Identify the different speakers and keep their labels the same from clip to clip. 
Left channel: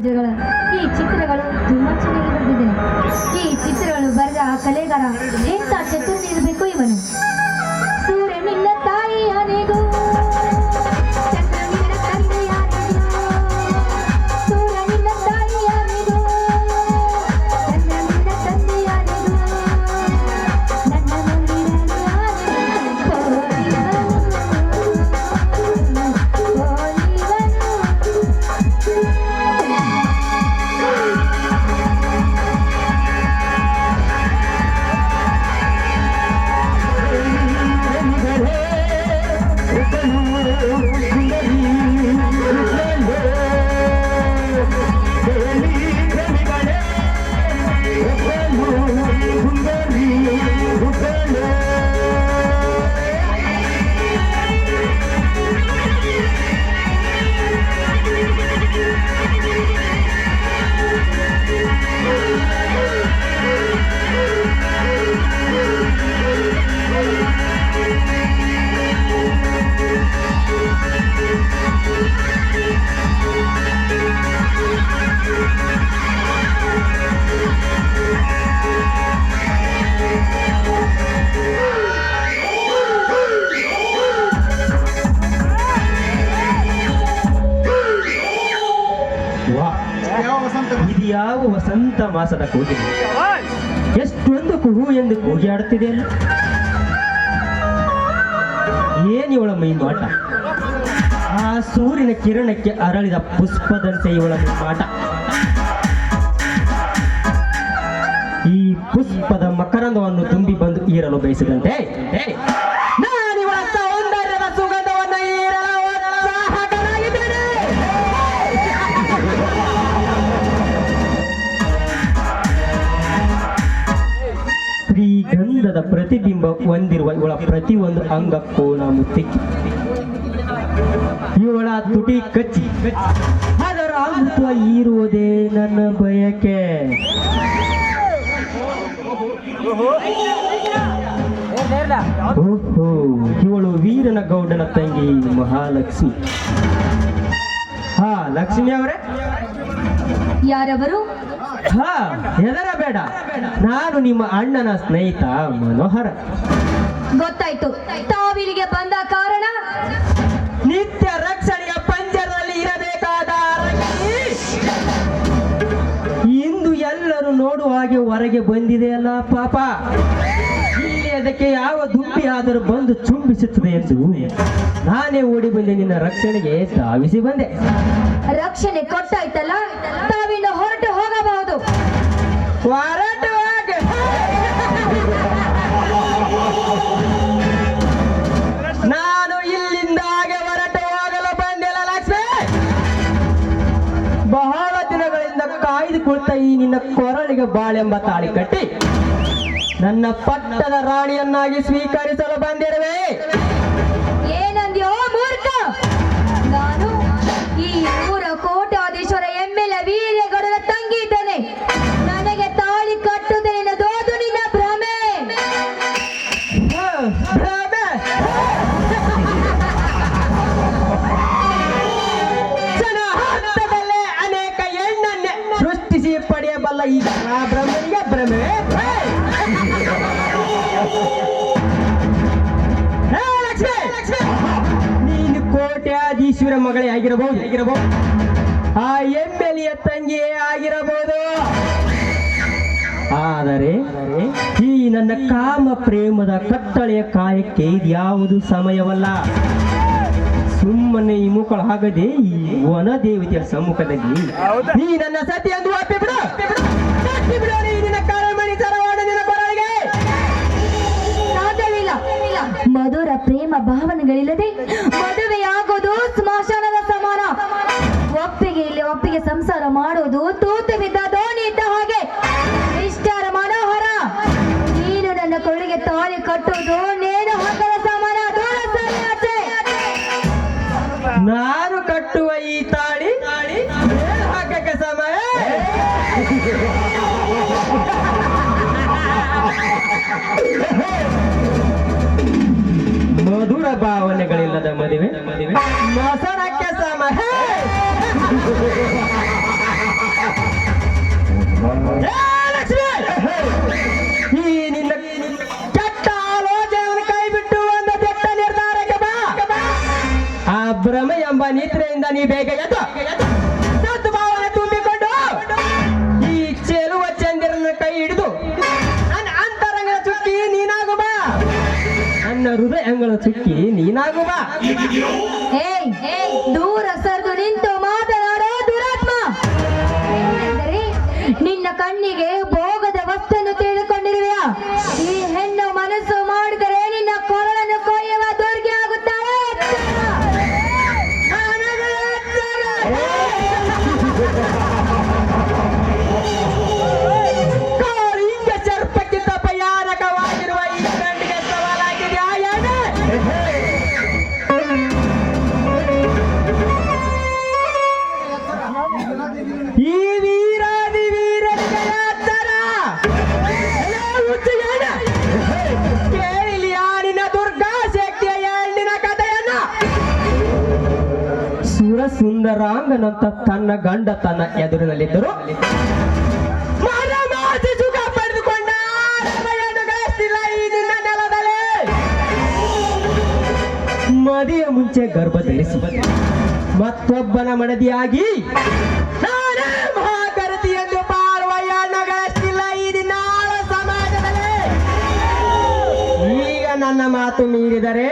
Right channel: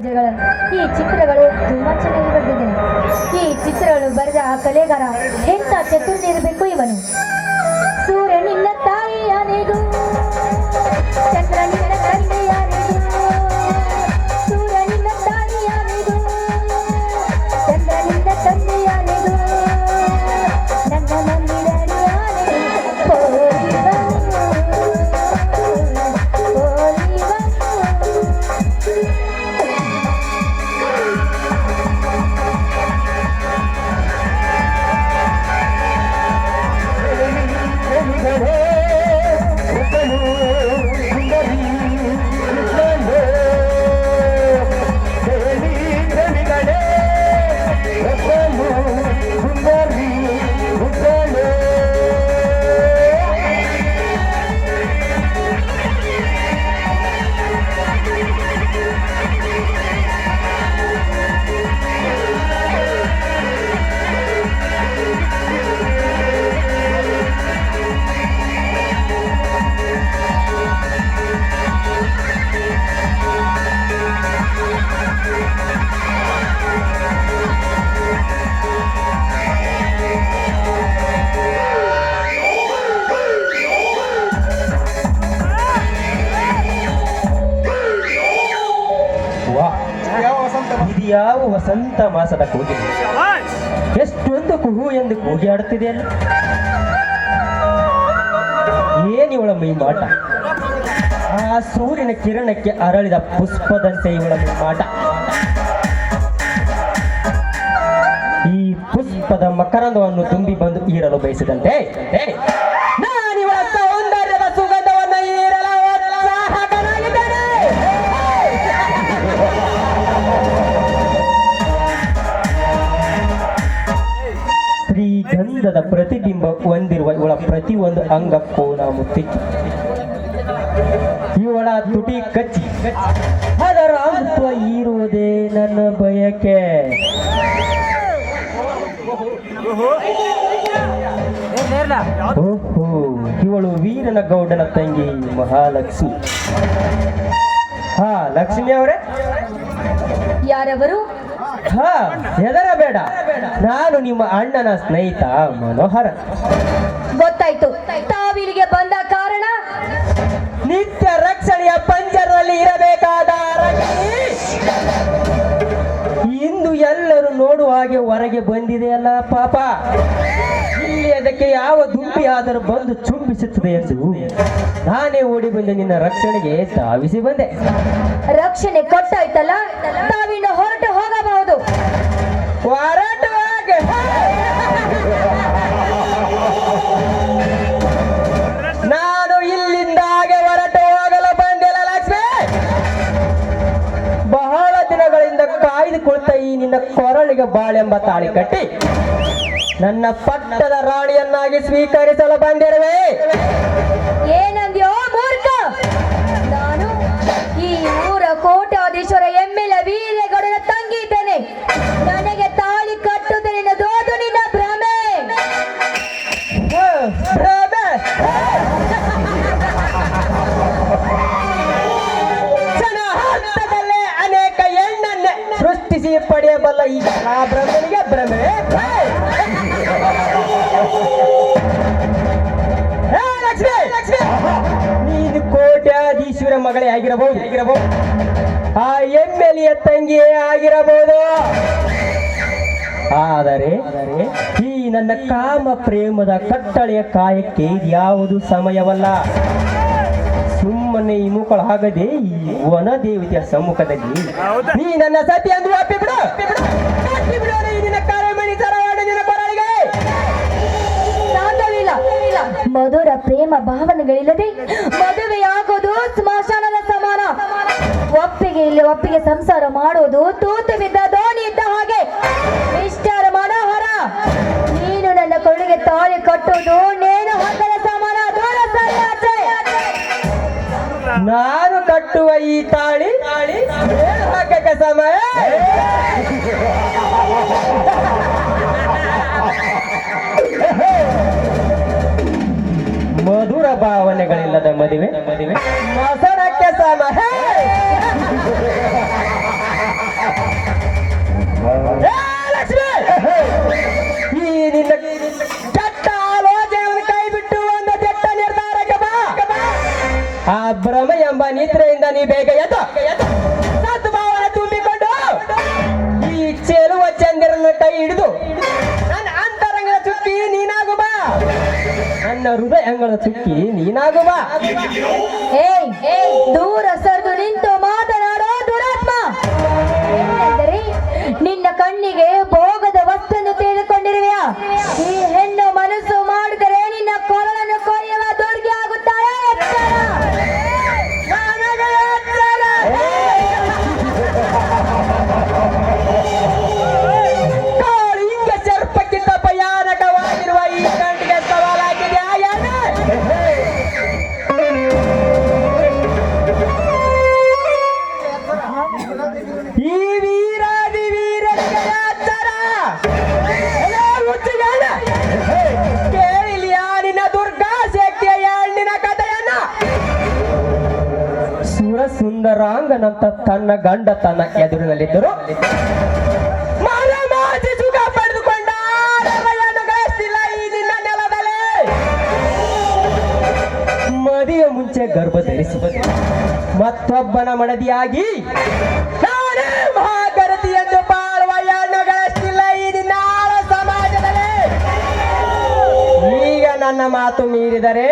Speaker 1: ಚಿತ್ರಗಳ. ಈ ಚಿತ್ರಗಳು ತುಂಬಾ ಚೆನ್ನಾಗಿ ಬರೆದಿದ್ದೇನೆ ಈ ಚಿತ್ರಗಳು ಬರೆದ ಆ ಕಲೆಗಾರ ಎಂತ ಚತುರ್ಥಿ ಇರಬೇಕು ಇವನು?
Speaker 2: ವಸಂತ ಮಾಸದ ಕೂಗಿನ ಎಷ್ಟೊಂದು ಕುಹು ಎಂದು ಕೂಗಿ ಆಡುತ್ತಿದೆ ಏನು ಇವಳ ಮೈ ಮಾಟ? ಆ ಸೂರ್ಯನ ಕಿರಣಕ್ಕೆ ಅರಳಿದ ಪುಷ್ಪದಂತೆ ಇವಳ ಮೈ ಮಾಟ. ಈ ಪುಷ್ಪದ ಮಕರಂದವನ್ನು ತುಂಬಿ ಬಂದು ಈರಲು ಬಯಸಿದಂತೆ ಶ್ರೀಗಂಧದ ಪ್ರತಿಬಿಂಬ ಹೊಂದಿರುವ ಇವಳ ಪ್ರತಿಯೊಂದು ಅಂಗ ನಾನು ಮುತ್ತಿಕ್ಕಿ ಇವಳ ತುಟಿ ಕಚ್ಚಿ. ಅದರ ಅಂತ್ವ ಇರುವುದೇ ನನ್ನ ಬಯಕೆ. ಓಹೋ, ಇವಳು ವೀರನ ಗೌಡನ ತಂಗಿ ಮಹಾಲಕ್ಷ್ಮಿ. ಹಾ, ಲಕ್ಷ್ಮಿ ಅವರೇ?
Speaker 1: ಯಾರವರು?
Speaker 2: ಹಾ ಹೆದರ ಬೇಡ. ನಾನು ನಿಮ್ಮ ಅಣ್ಣನ ಸ್ನೇಹಿತ ಮನೋಹರ.
Speaker 1: ಗೊತ್ತಾಯ್ತು. ತಾವಿಲ್ಲಿಗೆ ಬಂದ ಕಾರಣ?
Speaker 2: ನಿತ್ಯ ರಕ್ಷಣೆಯ ಪಂಜರದಲ್ಲಿ ಇರಬೇಕಾದ ಇಂದು ಎಲ್ಲರೂ ನೋಡುವ ಹಾಗೆ ಹೊರಗೆ ಬಂದಿದೆಯಲ್ಲ ಪಾಪ. ಇಲ್ಲಿ ಅದಕ್ಕೆ ಯಾವ ದುಂಬಿ ಆದರೂ ಬಂದು ಚುಂಬಿಸುತ್ತದೆ ಎಂದು ನಾನೇ ಓಡಿ ಬಂದೆ ನಿನ್ನ ರಕ್ಷಣೆಗೆ ಧಾವಿಸಿ ಬಂದೆ.
Speaker 1: ರಕ್ಷಣೆ ಕೊಟ್ಟಾಯ್ತಲ್ಲ? ತಾವಿನ ಹೊರಟು ಹೋಗಬಹುದು.
Speaker 2: ಹೊರಟುವಾಗ ನಾನು ಇಲ್ಲಿಂದ ಹಾಗೆ ಹೊರಟು ಹೋಗಲು ಬಂದಿಲ್ಲ ಲಕ್ಷ್ಮಿ. ಬಹಳ ದಿನಗಳಿಂದ ಕಾಯ್ದು ಕುಳಿತ ಈ ನಿನ್ನ ಕೊರಳಿಗೆ ಬಾಳೆಂಬ ತಾಳಿ ಕಟ್ಟಿ. ನನ್ನ ಪಟ್ಟದ ರಾಣಿಯನ್ನಾಗಿ ಸ್ವೀಕರಿಸಲು ಬಂದಿರುವೆ. ಮಗಳೇ ಆಗಿರಬಹುದು. ಆಗಿರಬಹುದು ಆ ಎಮ್ಮೆಲಿಯ ತಂಗಿಯೇ ಆಗಿರಬಹುದು. ಆದರೆ ಈ ನನ್ನ ಕಾಮ ಪ್ರೇಮದ ಕಟ್ಟಳೆಯ ಕಾಯಕ್ಕೆ ಇದ್ಯಾವುದು ಸಮಯವಲ್ಲ. ಸುಮ್ಮನೆ ಈ ಮುಖಳಾಗದೆ ಈ ವನ ದೇವತೆಯ ಸಮ್ಮುಖದಲ್ಲಿ ನೀ ನನ್ನ ಸತಿ ಎಂದು ಅಪ್ಪಿ
Speaker 1: ಬಿದ್ದ ದೋಣಿ ಇದ್ದ ಹಾಗೆ. ಮಿಸ್ಟರ್ ಮನೋಹರ, ನೀನು ನನ್ನ ಕೊಳ್ಳಿಗೆ ತಾಳಿ ಕಟ್ಟೋದು ನೇಣು ಹಾಕದ ಸಮಾನ?
Speaker 2: ನಾನು ಕಟ್ಟುವ ಈ ತಾಳಿ ಹಾಕಕ್ಕೆ ಸಮಯ? ಮಧುರ ಭಾವನೆಗಳಿಲ್ಲದ ಮದುವೆ. ಮಸನಕ್ಕೆ ಸಮಯ. ನಿದ್ರೆಯಿಂದ ನೀ ಬೇಗ ಎದ್ದು.
Speaker 1: ಸದ್ಭಾವನೆ ತುಂಬಿಕೊಂಡು ಈ ಚೆಲುವ ಚಂದಿರನ ಕೈ ಹಿಡಿದು ನನ್ನ ಅಂತರಂಗದ ಚುಕ್ಕಿ ಬಾ. ನನ್ನ ಹೃದಯ ಅಂಗಳ ನೀನಾಗು
Speaker 2: ಬಾ. ಹೇ ರಾಂಗನಂತ ತನ್ನ ಗಂಡ ತನ್ನ ಎದುರಿನಲ್ಲಿದ್ದರು. ಮದಿಯ ಮುಂಚೆ ಗರ್ಭ ಧರಿಸಿ ಮತ್ತೊಬ್ಬನ ಮಡದಿಯಾಗಿ ಈಗ ನನ್ನ ಮಾತು ಮೀರಿದರೆ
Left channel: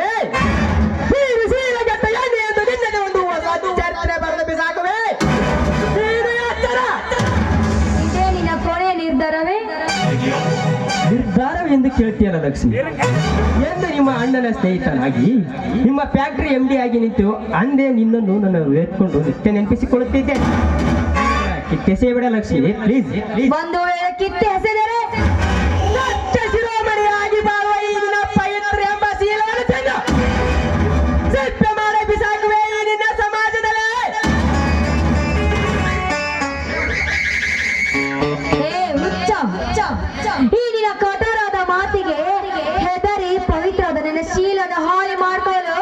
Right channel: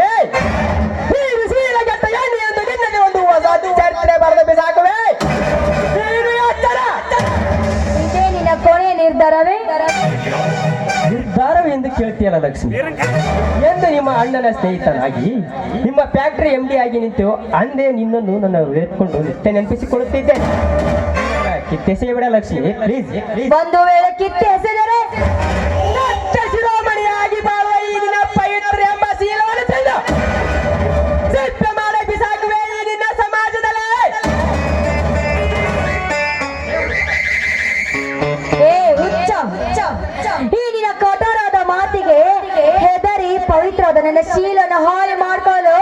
Speaker 2: ಕೇಳ್ತೀಯಲ್ಲ ಲಕ್ಷ್ಮಿ ಎಂದು ನಿಮ್ಮ ಅಣ್ಣನ ಸ್ನೇಹಿತನಾಗಿ, ನಿಮ್ಮ ಫ್ಯಾಕ್ಟ್ರಿ ಎಂ ಡಿ ಆಗಿ ನಿಂತು ಅಂದೇ ನಿನ್ನನ್ನು ನನ್ನ ಎತ್ಕೊಂಡು ನೆನಪಿಸಿಕೊಳ್ಳುತ್ತಿದ್ದೆ. ನೆನಪಿಸಿಕೊಳ್ಳುತ್ತಿದ್ದೇನೆ ಕಿತ್ತೆಸೆಯಬೇಡ ಲಕ್ಷ್ಮಿ ಪ್ಲೀಸ್
Speaker 1: ಬಂದು ವೇಳೆ ಕಿತ್ತೆ ಸಹಾಯ ಮಾಡ್ಕೊಳ್ಳು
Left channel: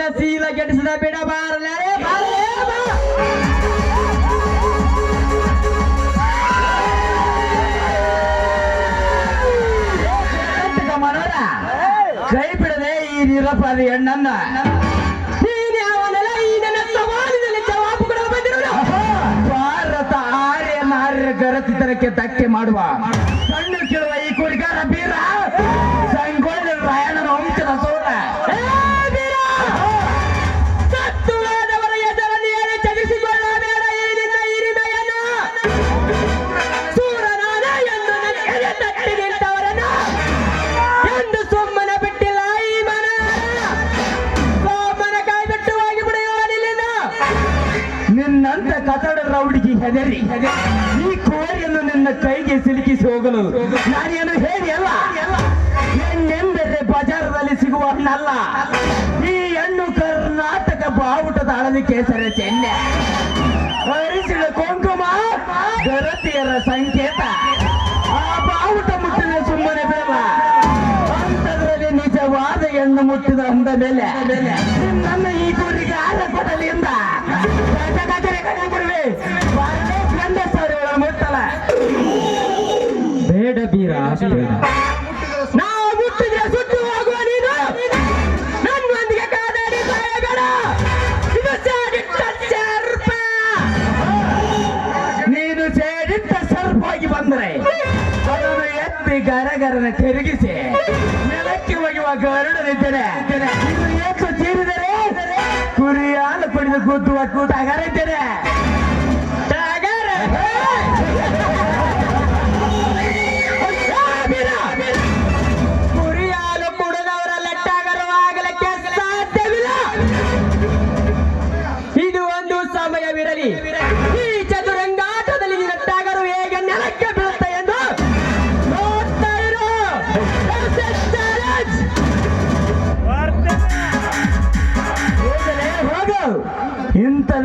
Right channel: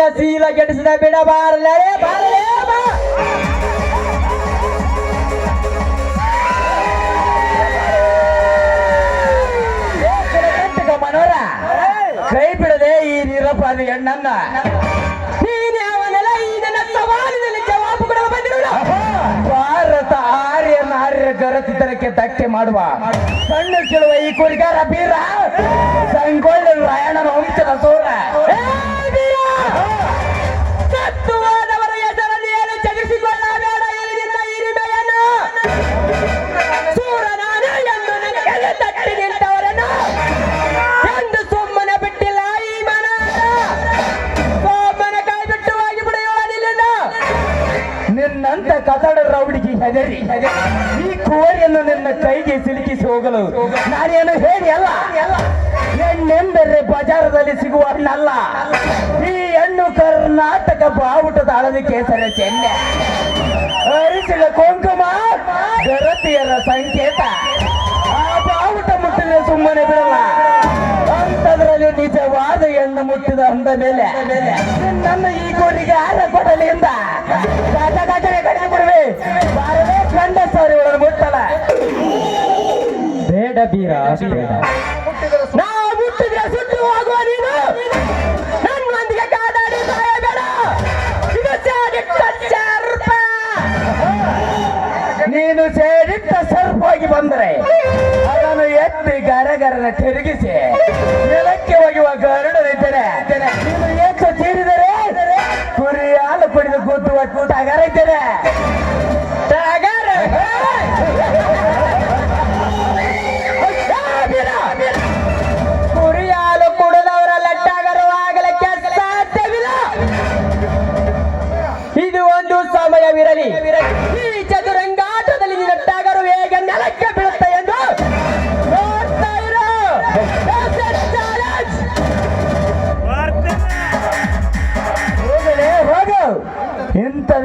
Speaker 1: ನಿನ್ನ
Speaker 2: ಸೀಲ ಗೆಡಿಸಿದ ಬಿಡ ಬಾರಲೇ ಬಾರಲೇ, ಬಾ.
Speaker 3: ಮನೋರ, ಕೈ ಬಿಡದೆ ಈ ನಿರಪರಾಧಿ ಹೆಣ್ಣನ್ನ. ಭಾರತ ಆರ್ಯ ನಾರ್ಯ ಗರತಿತರಕ್ಕೆ ತಕ್ಕೆ ಮಾಡುವ ಸಣ್ಣ ಕೇಳುವ ಈ ಕುರಿಕಾರ ಬೀರ. ಸಂಗೋಳ ರಾಯಣನ ವಂಶದ ಸೋರ ಕತಾಡರ ರೌಡಿಗೆ ಹೆದರಿ, ಈ ಕೋರಿಯನ್ನು ನಿನ್ನ ಕೈಗೆ ಸಿಲುಕಿಸಿ ಹೋಗಲು ನಾನೇನು ಹೇಳಿ ಅಲ್ಲ? ಹೆಣ್ಣೆಂದರೆ ಬಜಾರದಲ್ಲಿ ಸಿಗುವ ಹಣ್ಣಲ್ಲ. ಈ ಹಣ್ಣು ಕರ್ನಾಟಕ ಬಾವುಟದ ಹಳದಿ ಕೇಸರ ಚೆನ್ನೆ. ಅರಿಸಿದ ಕುಂಕುಮ ಭರತಿಯರ ಸಂಕೇತ. ಆ ಬಾವುಟ ಮುಟ್ಟಿದ ಸುಮ್ಮನೆ ಬಿಡಲು ಗುರಿಯನ್ನು ಮುಟ್ಟಿದ ಅಂದ ಮೇಲೆ ನನ್ನ ಈ ಗುರಿಗೆ ಆರ ಕೊಡಲಿಂದ ಕಡೆ ಗುರುವೆ ಬಾರವೇ ಕಂಡ ಸರ್
Speaker 2: ಬೇಡ ಬೀರ ಬೇಡ.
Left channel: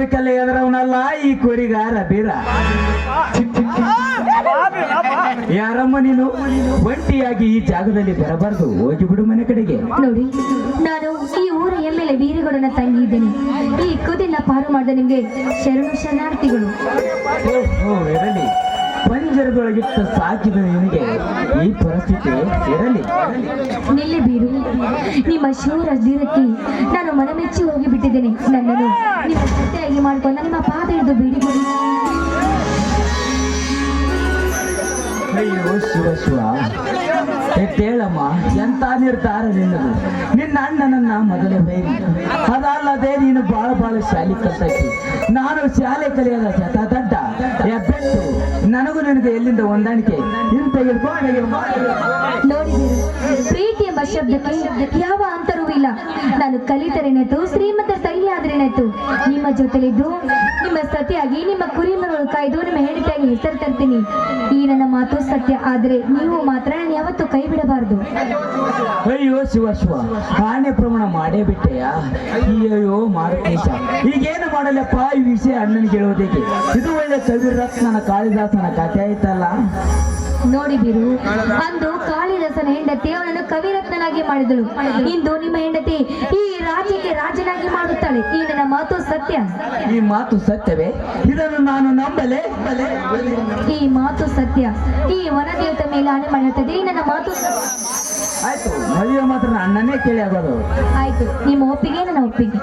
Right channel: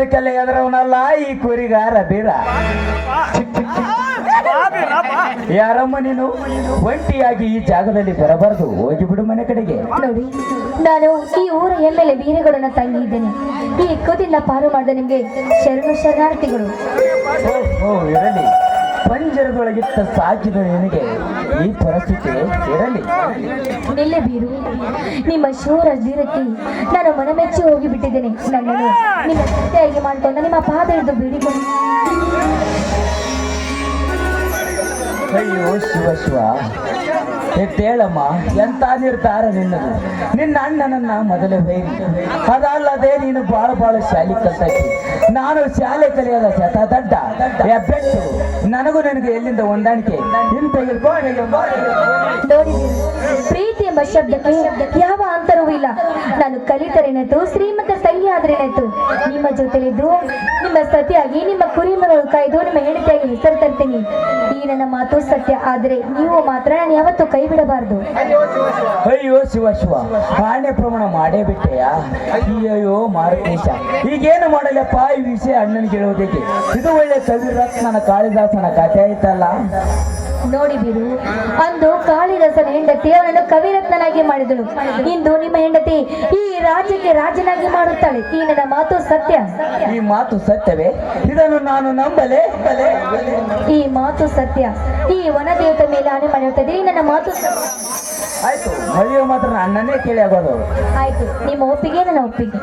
Speaker 3: ಅದಕ್ಕೆಲ್ಲ ಎದ್ರವನಲ್ಲ ಈ ಕುರಿಗಾರ ಬೀರ. ಯಾರಮ್ಮ ನೀನು? ಒಂಟಿಯಾಗಿ ಈ ಜಾಗದಲ್ಲಿ ಬರಬಾರದು. ಹೋಗಿ ಬಿಡು ಮನೆ ಕಡೆಗೆ.
Speaker 1: ನೋಡಿ ನಾನು ಈ ಊರ ಎಮ್ಮೆಲೆ ವೀರಗೌಡನ ತಂಗಿ ಇದ್ದೇನೆ. ಈ ಕುದಿನ ಪಾರು ಮಾಡಿದ ನಿಮ್ಗೆ ಶರಣು ಶರಣಾರ್ಥಿಗಳು.
Speaker 3: ಓ ಇರಲಿ. ಪಂಜರದೊಳಗಿಟ್ಟ ಸಾಕಿದ ನಿನಗೆ ಈ ಪರಿಸ್ಥಿತಿ ಇರಲಿ.
Speaker 1: ನಿಲ್ಲೆ ಬೀರು. ನಿಮ್ಮ ಶೂರ ಜೀರಕ್ಕೆ ನಾನು ಮನಮೆಚ್ಚಿ ಹೋಗಿ ಬಿಟ್ಟಿದ್ದೇನೆ ನನ್ನನ್ನು ನಿಮ್ಮ ಜೊತೆಯಾಗಿ ಮಾಡ್ಕೊಂಡು ನಿಮ್ಮ ಪಾದ ಹಿಡಿದು ಬೀಡಿಕೊಳ್ಳಿ
Speaker 3: ಅಯ್ಯೋ ಶಿವ. ಎದ್ದೇಳಮ್ಮ ಎಂತ ನಿರ್ಧಾರ ನಿನ್ನ ನಿನ್ನ ಅಣ್ಣನನ್ನ ಮೊದಲೇ ಬೈರಿ ಅದಲ್ಲದೆ ನೀನು ಬಾಳ ಬಾಳ ಶಾಲೆ ಕಲ್ತಾಕಿ ನಾನು ಶಾಲೆ ಕಲಿಯೋದ ಶತ ದಡ್ಡ. ನನಗೂ ನಿನಗೆ ಎಲ್ಲಿಂದ ಹೊಂದಾಣಿಕೆ? ಇಂತ
Speaker 1: ಪ್ರೀತಿ ಎಂಬ ಶಬ್ದಕ್ಕೆ ಯಾವ ಅಂತರವೂ ಇಲ್ಲ. ನಾನು ಕಲಿತರೇನಾಯ್ತು ಶ್ರೀಮಂತರ ಆದ್ರೆ ಆದ್ರೇನಾಯ್ತು ನಿಮ್ಮ ಜೊತೆಲಿದ್ದು, ನಿಮ್ಮ ಸತಿಯಾಗಿ, ನಿಮ್ಮ ಕುರಿಮಗಳು ಕಾಯ್ದು, ನಿಮ್ಮ ಹೆಂಡತಿಯಾಗಿ ಹೆಸರು ತರ್ತೀನಿ. ಈ ನನ್ನ ಮಾತು ಸತ್ಯ, ಆದ್ರೆ ನೀವು ಮಾತ್ರ ನಾನು ಯಾವತ್ತೂ ಕೈ ಬಿಡಬಾರದು
Speaker 3: ಅಯ್ಯೋ ಶಿವ ಶಿವ. ಕಾಣ್ಯ ಪ್ರಮಾಣ ಮಾಡೇ ಬಿಟ್ಟೆಯಾ? ಅಯ್ಯಯ್ಯೋ ಮಾರುಕೇಶ. ಈಗೇನು ಮಾಡಲಪ್ಪ ಈ ವಿಷಯ ಅಣ್ಣನಿಗೆ ಹೇಳೋದಕ್ಕೆ ಇದು ಒಳ್ಳೆ ಕವಿರತ್ನನ ಕಾಳಿದಾಸನ ಕಥೆ ಆಯ್ತಲ್ಲ?
Speaker 1: ನೋಡಿ ಬೀರು ಅಂದು ಕಾಳಿದಾಸನ ಹೆಂಡತಿ ಅವನನ್ನು ಕವಿರತ್ನನಾಗಿ ಮಾಡಿದಳು. ಇಂದು ನಿಮ್ಮ ಹೆಂಡತಿ ಈ ರಾಜ್ಯಕ್ಕೆ ರಾಜನಾಗಿ ಮಾಡುತ್ತಾಳೆ. ಈ ನನ್ನ ಮಾತು ಸತ್ಯ?
Speaker 3: ಈ ಮಾತು ಸತ್ಯವೇ? ಇದನ್ನು ನಾನು ನಂಬಲೆ? ಬಲೆ
Speaker 1: ಈ ಮಾತು ಸತ್ಯ. ಈ ವನದೇವತ ಮೇಲೆ ಆನೆ ಮಾಡಿರುತ್ತದೆ. ಈ ನನ್ನ ಮಾತು ಸತ್ಯ.
Speaker 3: ಆಯ್ತು ಮದುವೆ ಮಾತ್ರ ಅಣ್ಣನೇ ಕೇಳಿ ಆಗೋದು.
Speaker 1: ಆಯ್ತು ನಿಮ್ಮ ಒಪ್ಪಿಗೆ ನನ್ನ ಒಪ್ಪಿಗೆ.